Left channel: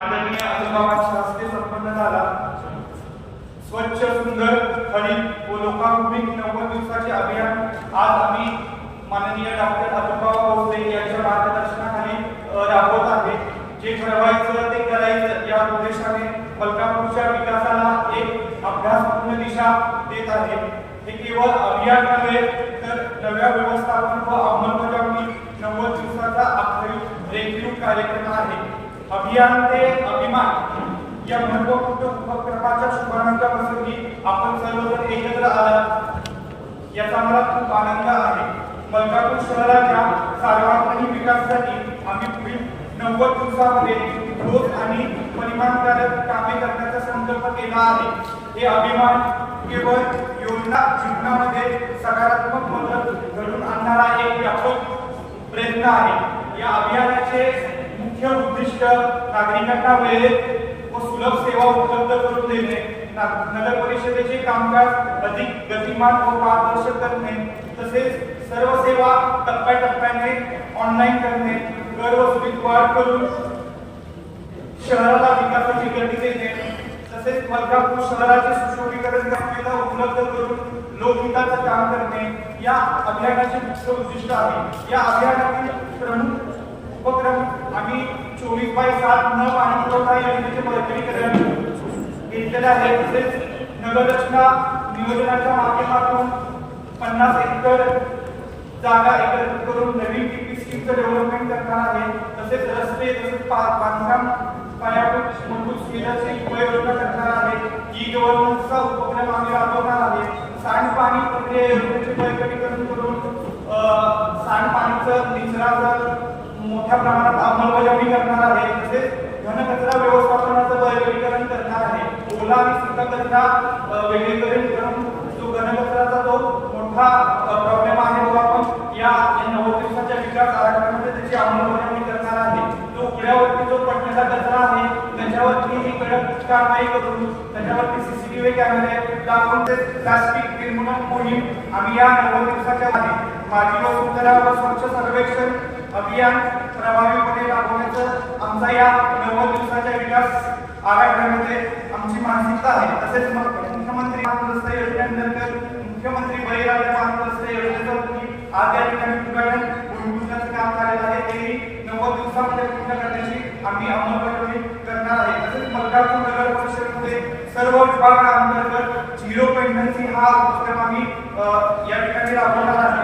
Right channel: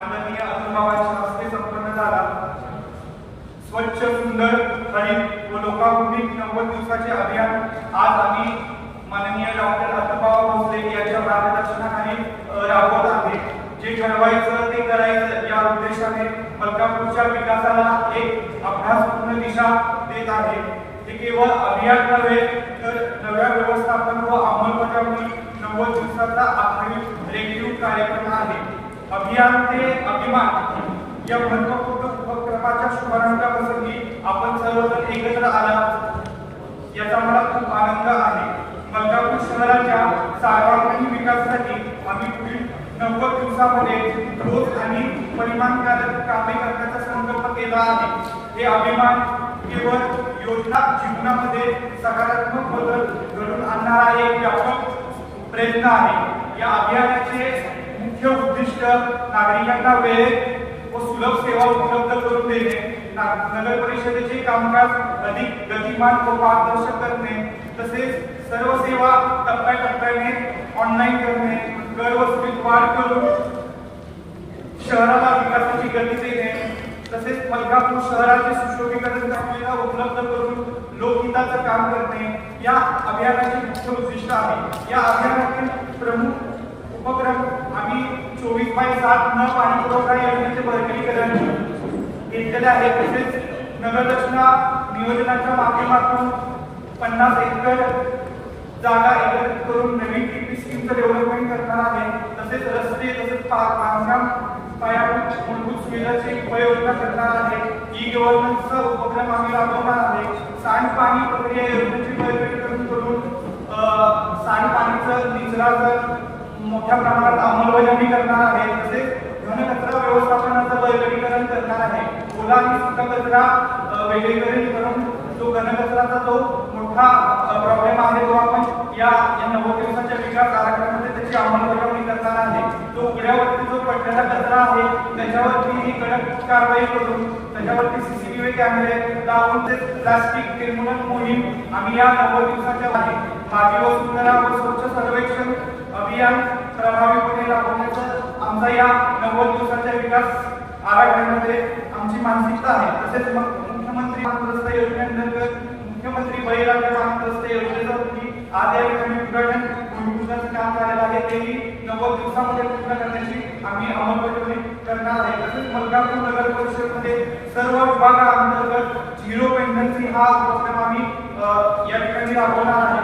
माननीय अनुभावांच्या हस्ते संपन्न झाला। स्वच्छ सुंदर हरित व लोकाभिमुख 90 दिवसाचे अभियान आज आम्ही माननीय डॉक्टर अनुभव भोसले यांच्या मार्गदर्शनाखाली राबवत आहे। जे ठरवायचं ते करायचं या उद्देशाने मलकापूरच्या विकासाला एक अभ्यासपूर्ण दिशा देत आहे। हे केवळ अभियान नव्हे तर नव्या व्यवस्थापन व अंमलबजावणी 90 दिवसाचा अखेरीस रेखीव कार्यक्रम आहे। अभियान ते अभिमान या महत्त्वपूर्ण उपक्रमाच्या शुभारंभाप्रसंगी आपण सर्वजण एकत्र आला याचा मला खूप आनंद आहे। मलकापूर शहराच्या सर्वांगीण विकासासाठी आम्ही पुढील 90 दिवसामध्ये ठोस आणि परिणामकारक कामे करण्याचा संकल्प केला आहे। हे अभिमान केवळ योजना जीवनामध्ये सकारात्मक बदल घडवून आणणारा एक व्यापक प्रयत्न आहे। या अभियानाचे मुख्य उद्दिष्ट नागरिकांना वेळेत व सुलभ सेवा उपलब्ध करून देणे, नगर परिषदेचे कामकाज अधिक गतिमान व पारदर्शक करणे, तसेच सर्व सेवा टप्प्याटप्प्याने ऑनलाईन करणे, कर वसुलीत वाढ करून शहराला विकासाची गती देणे, तसेच मलकापूर शहराचे सुशोभीकरण सुविधा उपलब्ध करून लोकहिताचे काम करणे या अभियानाचे मुख्य उद्दिष्ट आहे। या अभियानातील प्रमुख उपक्रम आम्ही 24/7 न पाणी पुरवठा योजनेचे बळकटीकरण घेतलेले आहे। तसेच नगररचना नियोजनाच्या माध्यमातून 50 एकर जागा एकत्रित करून नवीन टीपी स्कीमचं डेव्हलपमेंट करणार आहे। तसेच रस्ते तसेच बांधकाम पायाभूत मूलभूत सुविधांची उपाययोजना करणार आहे। ई गव्हर्नन्सचा उपक्रम आम्ही राबवणार आहे। सांडपाणी प्रक्रिया योजनेचे बळकटीकरण करून सांडपाणीचं निचराचं मोठ्या प्रमाणात अंमलबजावणी करणार आहे। तसेच घनकचरा व्यवस्थापनाचं बळकटीकरण करणार आहे। ओला आणि सुका कचरा वेगळीकरण करून जो घनकचराचा जो मोठा प्रॉब्लेम आहे तो आपण या 90 दिवसाच्या विकास आराखड्यामध्ये त्याची अंमलबजावणी करणार आहे। जो उघड्यावरती जो पडलेला कचरा आहे त्याच्यावरती ही कडक कारवाई करून त्याच्यावरती सीसीटीव्ही कॅमेरे लावून ते प्लास्टिक निर्मूलन मोहीम आम्ही या 90 दिवसाच्या आहे। माझी वसुंधरा व स्वच्छ सर्वेक्षण अभियान प्रभावीपणे राबवण्याचं आमचा या 90 दिवसाच्या विकास आराखड्यामध्ये आमची मानसिकता आहे। तसेच मुख्यमंत्री रस्ते योजनेअंतर्गत मुख्यमंत्री बळीराजा रस्ते योजनेचं आज या ठिकाणी उद्घाटन भूमिपूजनाचं काम झालेलं आहे। तेही 90 दिवसामध्ये पूर्ण करण्याची आम्ही अंमलबजावणी करणार आहे। तसेच मलकापूर नगर परिषदेमध्ये सर्व विभागांतर्गत झिरो पेंडन्सी हा उपक्रम आम्ही या ठिकाणी राबवणार आहे।